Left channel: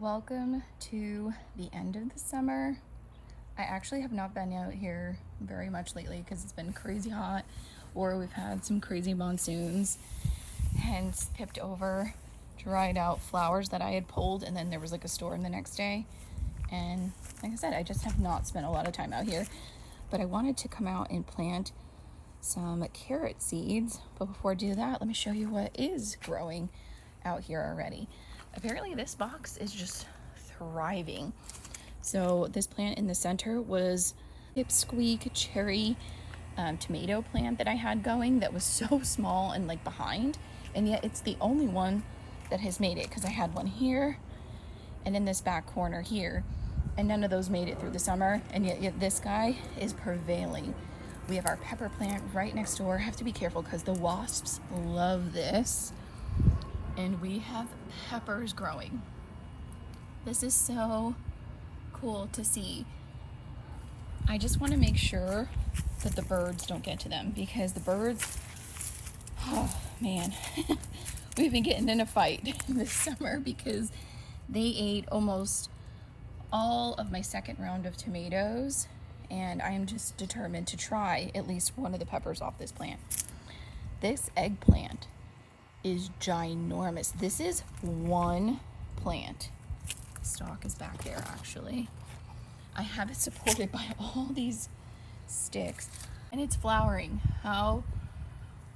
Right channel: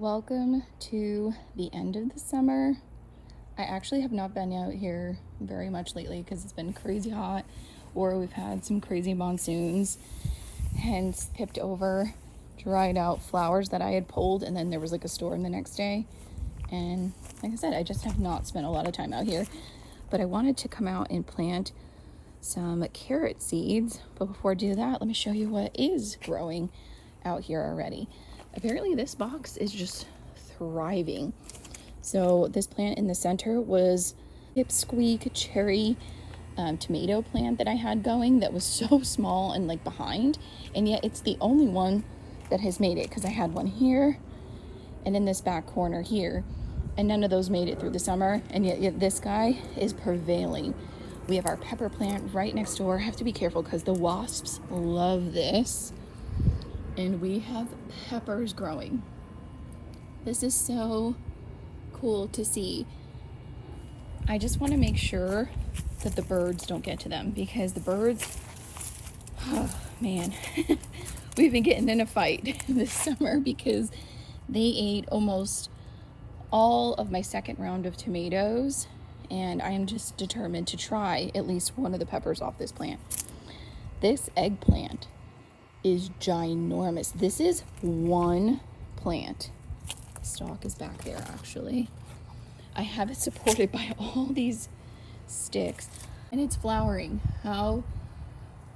Welcome to the end of the summer. I actually have not been out here very much lately because it's been crazy hot, or we've had some crazy monsoons, hence tipped over dried out flowers that I had pulled, and then there was like a storm the next day. And like I said, I just have not spent a lot of time out here, but I wanted to come out and plant some carrot seeds. But before I do that, let me show you what is growing out here already. Apparently this box is just thriving. So this plant in the center was pipsqueak cherry tomato plant that I had going that was so small and like behind, and yet it's the only one that has made it, because I had one here and in this back corner here, and none of those made it through the summer, and yet this guy is prevailing. We have our pepper plant right next door. I have to be careful because the wasps love this. And we have peppers growing. This is so cool to see. I just want to make sure that the birds don't get to them, because the birds, oh man, we've been getting in a fight this summer because they ate almost all of my second round of tomatoes, and I am just determined to try at least one of the peppers off this plant. This eggplant is ginormous. This is one plant. The stalk is back there actually. I have it supported by all these sticks, and it's flowering. How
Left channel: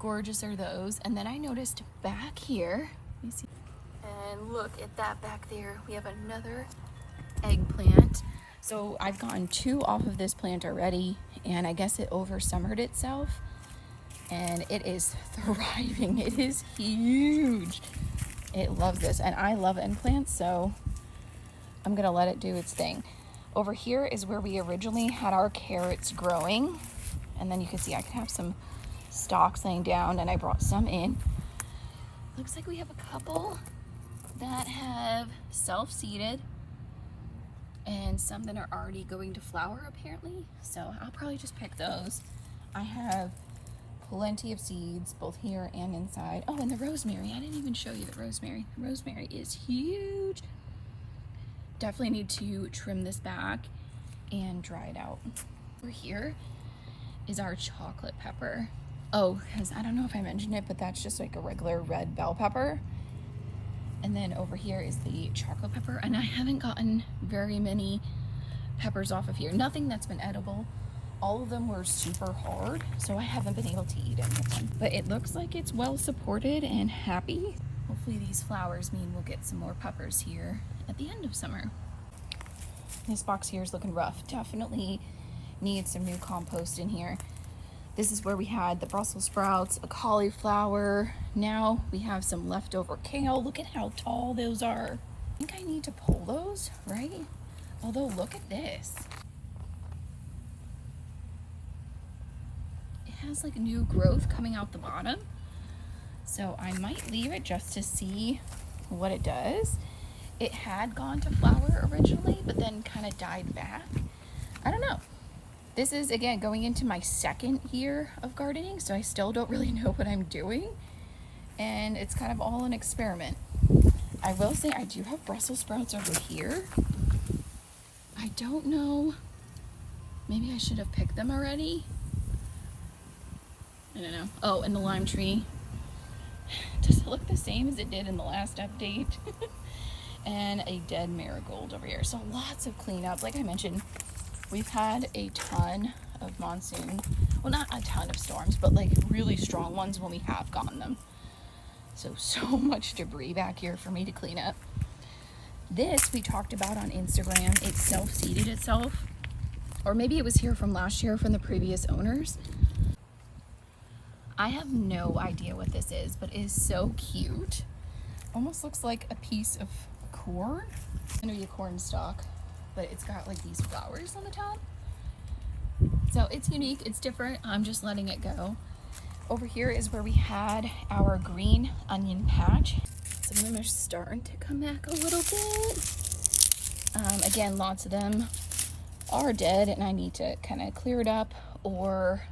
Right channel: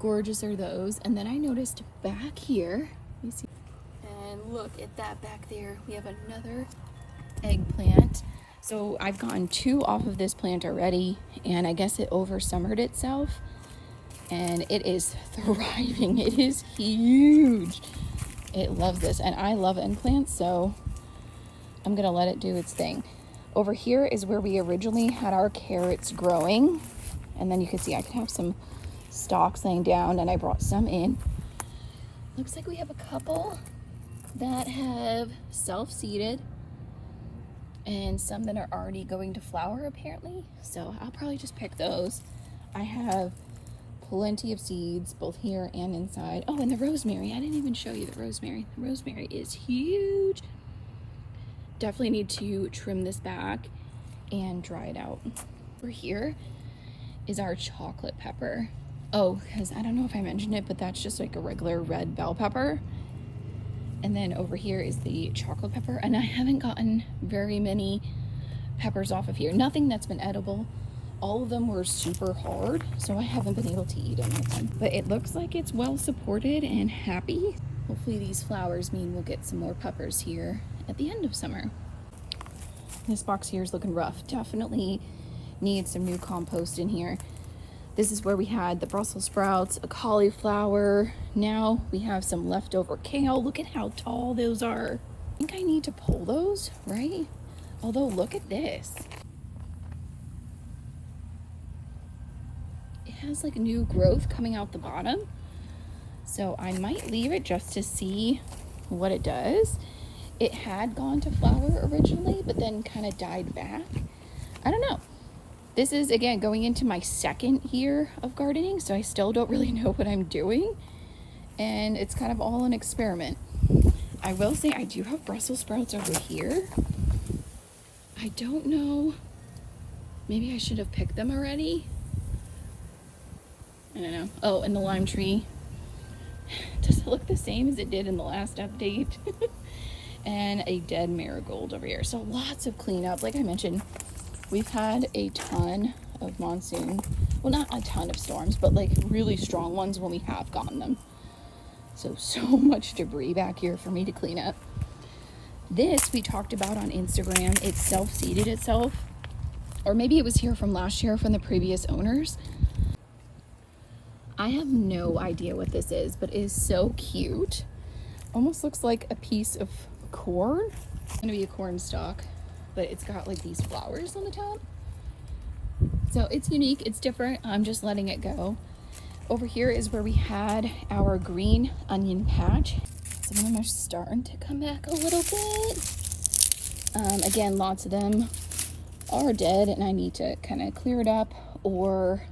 gorgeous are those? And then I noticed back here, let me see, and look at that back there, we have another eggplant. So I've gotten two off of this plant already, and I guess it over summered itself, and it is thriving. It is huge. It loves this, and I love eggplants, so I'm gonna let it do its thing. Over here is where we originally had our carrots growing, and then you can see I could have some stalks laying down, and I brought some in. Looks like we have a couple that have self-seeded and some that are already going to flower apparently, so I'll probably just pick those. I have plenty of seeds both here and inside. Oh, and the rosemary, I didn't even show you the rosemary. The rosemary is huge. Definitely need to trim this back and dry it out. Over here is our chocolate pepper. Oh, because I don't know if I mentioned it, but that's just like a regular red bell pepper. And then over here is the chocolate pepper, and I haven't gotten very many peppers off of here. Nothing that's been edible. All of them were super hard, so I haven't been able to eat any of them. But it looks like it's well supported and happy. Hopefully these flowers mean we'll get some more peppers here at the end of summer. This box here is looking rough. Definitely needs some new compost in here. This is where we had the Brussels sprouts, a cauliflower. Now we have some leftover kale. Look at how tall those are. I think I need to pull those, right? Although look at this. It has like new growth coming out the bottom. So I might leave it just to see what it does. It had gone to flower originally, but then kind of died back. I don't know. This is, again, going into my second year of gardening, so I still don't really know what I'm doing. And it's kind of all an experiment. I will say I do have Brussels sprouts over here. I don't know. Maybe I should have picked them already. I don't know. Oh, and the lime tree. Does it look the same as it did in the last update? And a dead marigold over here. So lots of cleanup. Like I mentioned, we've had a ton of monsoon. Well, not a ton of storms, but like really strong ones when we have gotten them. So much debris back here for me to clean up. This we talked about on Instagram. It self-seeded itself. Or maybe it was here from last year from the previous owners. I have no idea what this is, but it is so cute. Almost looks like a piece of corn. It's gonna be a corn stalk, but it's got like these flowers on the top. So it's unique, it's different. I'm just letting it go. Over here is where we had our green onion patch. Some of them are starting to come back a little bit. Again, lots of them are dead, and I need to kind of clear it up or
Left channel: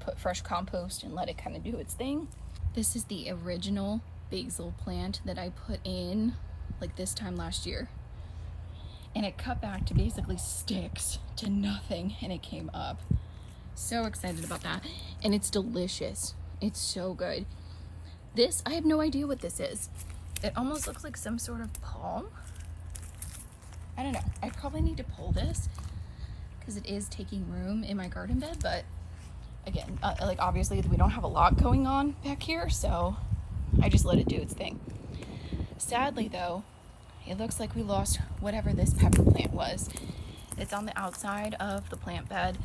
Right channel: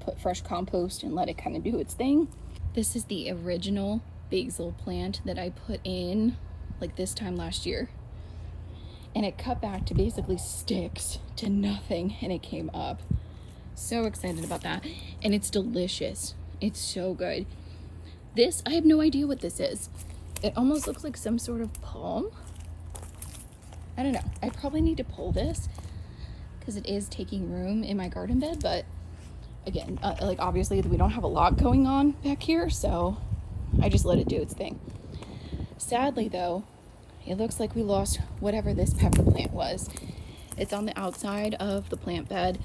put fresh compost and let it kind of do its thing. This is the original basil plant that I put in like this time last year. and it cut back to basically sticks to nothing, and it came up. So excited about that. And it's delicious. It's so good. This, I have no idea what this is. It almost looks like some sort of palm. I don't know. I probably need to pull this because it is taking room in my garden bed, but again, like obviously we don't have a lot going on back here, so I just let it do its thing. Sadly though, it looks like we lost whatever this pepper plant was. It's on the outside of the plant bed.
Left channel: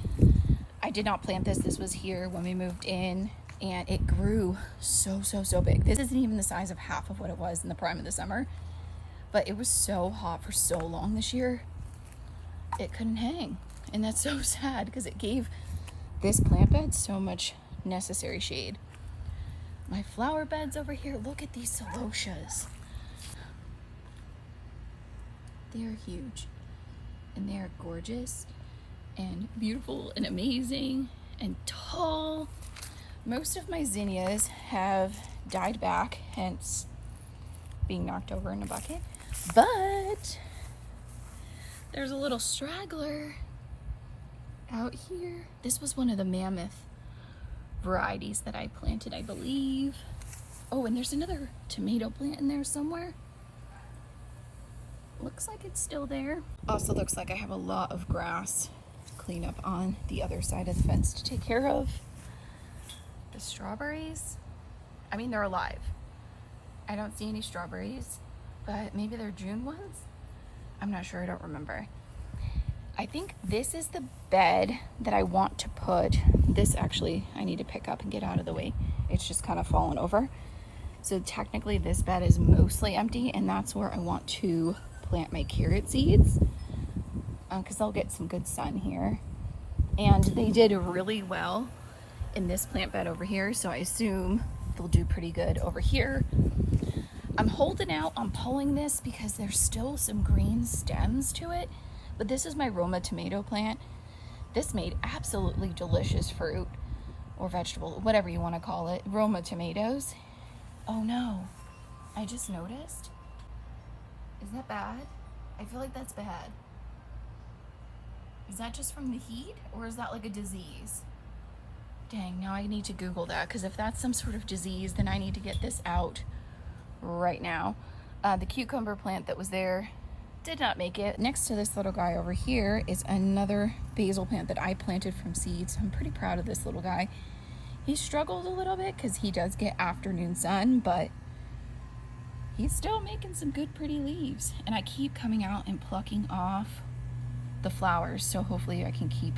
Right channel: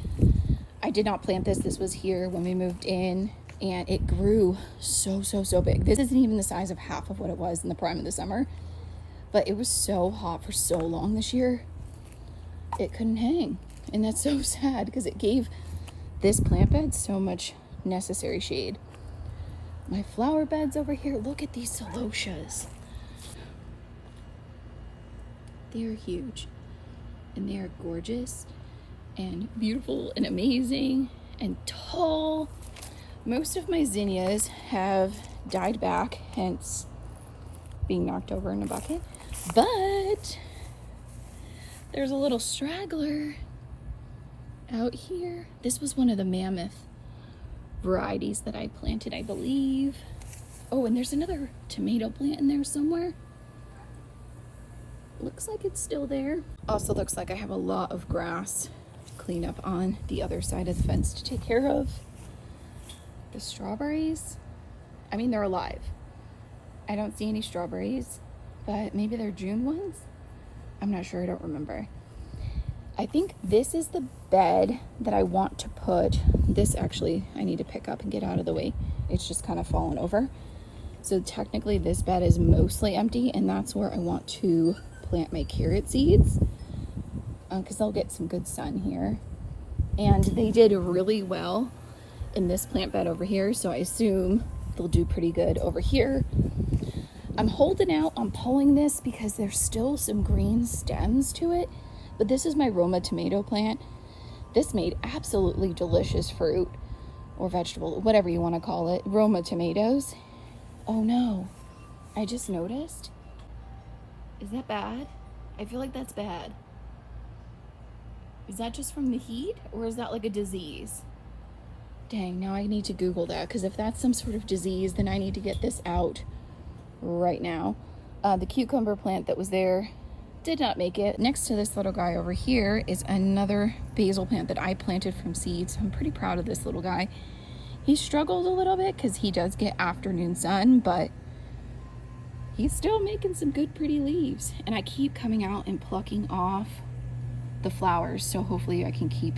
I did not plant this. This was here when we moved in, and it grew so big. This isn't even the size of half of what it was in the prime of the summer, but it was so hot for so long this year, it couldn't hang. And that's so sad because it gave this plant bed so much necessary shade. My flower beds over here, look at these celotias. They're huge and they're gorgeous and beautiful and amazing and tall. Most of my zinnias have died back, hence being knocked over in a bucket, but there's a little straggler out here. This was one of the mammoth varieties that I planted, I believe. Oh, and there's another tomato plant in there somewhere. Looks like it's still there. Also looks like I have a lot of grass to clean up on the other side of the fence to take care of. The strawberries, I mean, they're alive. I don't see any strawberries, but maybe they're June ones. I'm not sure, I don't remember. I think this is the bed that I want to put. This actually, I need to pick up and get out of the way. It's just kind of fallen over. So technically this bed is mostly empty, and that's where I want to plant my carrot seeds because they'll get some good sun here. And they did really well in this plant bed over here, so I assume they'll do pretty good over here. I'm holding out on pulling this because there's still some green stems to it. But this is my Roma tomato plant. This made absolutely delicious fruit or vegetable, whatever you want to call it. Roma tomatoes. Oh no, I just noticed. Is that bad? I feel like that's bad. Is that just from the heat, or is that like a disease? Dang, now I need to Google that, because if that's some sort of disease, then I need to get this out right now. The cucumber plant that was there did not make it. Next to this little guy over here is another basil plant that I planted from seeds. So I'm pretty proud of this little guy. He struggled a little bit because he does get afternoon sun, but he's still making some good pretty leaves. And I keep coming out and plucking off the flowers, so hopefully I can keep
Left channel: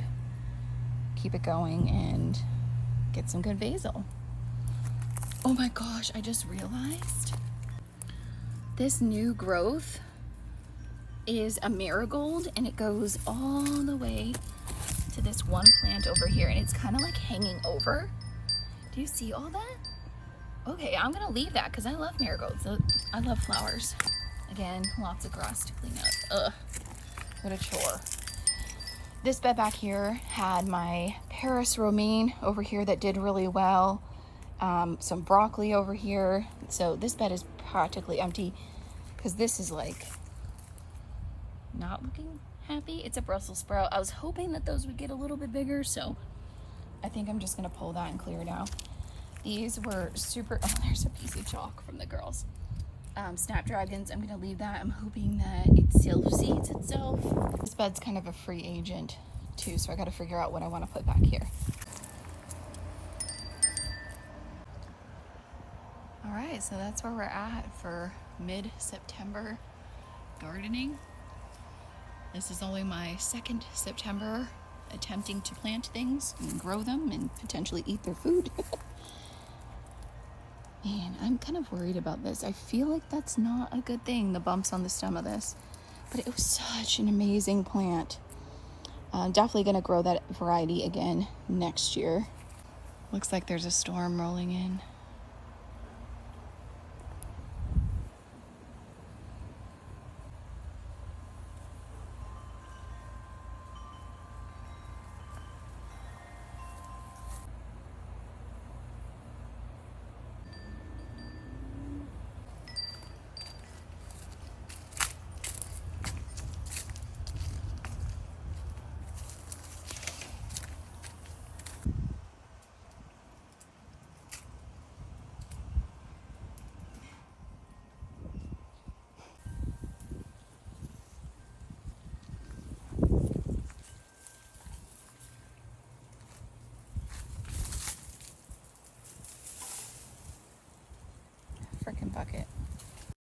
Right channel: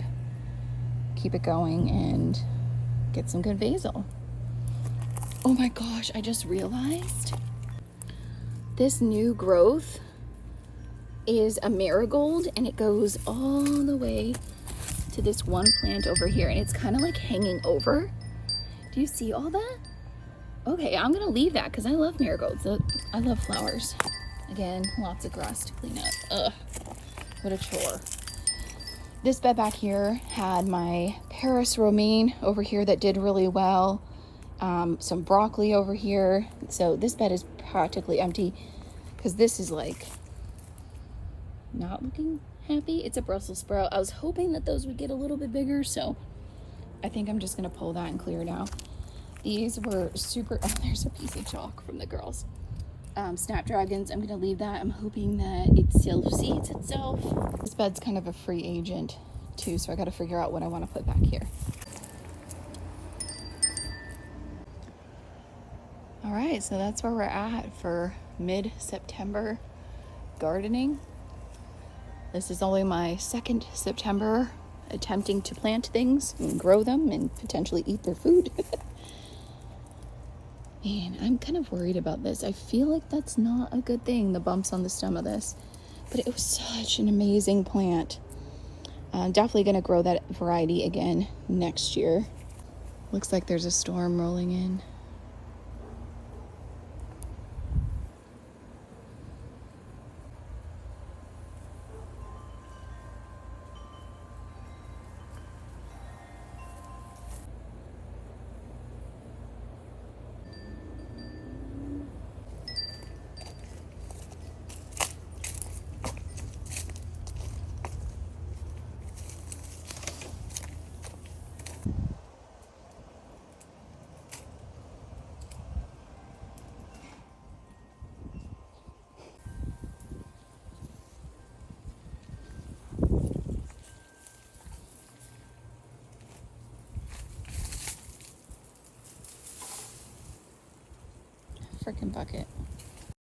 it going and get some good basil. Oh my gosh, I just realized this new growth is a marigold, and it goes all the way to this one plant over here, and it's kind of like hanging over. Do you see all that? Okay, I'm gonna leave that because I love marigolds. I love flowers. Again, lots of grass to clean up. Ugh, what a chore. This bed back here had my Paris romaine over here that did really well. Some broccoli over here. So this bed is practically empty because this is like not looking happy. It's a Brussels sprout. I was hoping that those would get a little bit bigger, so I think I'm just gonna pull that and clear it out. These were super, oh, there's a piece of chalk from the girls. Snapdragons, I'm gonna leave that. I'm hoping that it self-seeds itself. This bed's kind of a free agent too, so I gotta figure out what I wanna put back here. All right, so that's where we're at for mid-September gardening. This is only my second September attempting to plant things and grow them and potentially eat their food. Man, I'm kind of worried about this. I feel like that's not a good thing, the bumps on the stem of this. But it was such an amazing plant. I'm definitely gonna grow that variety again next year. Looks like there's a storm rolling in. second bucket.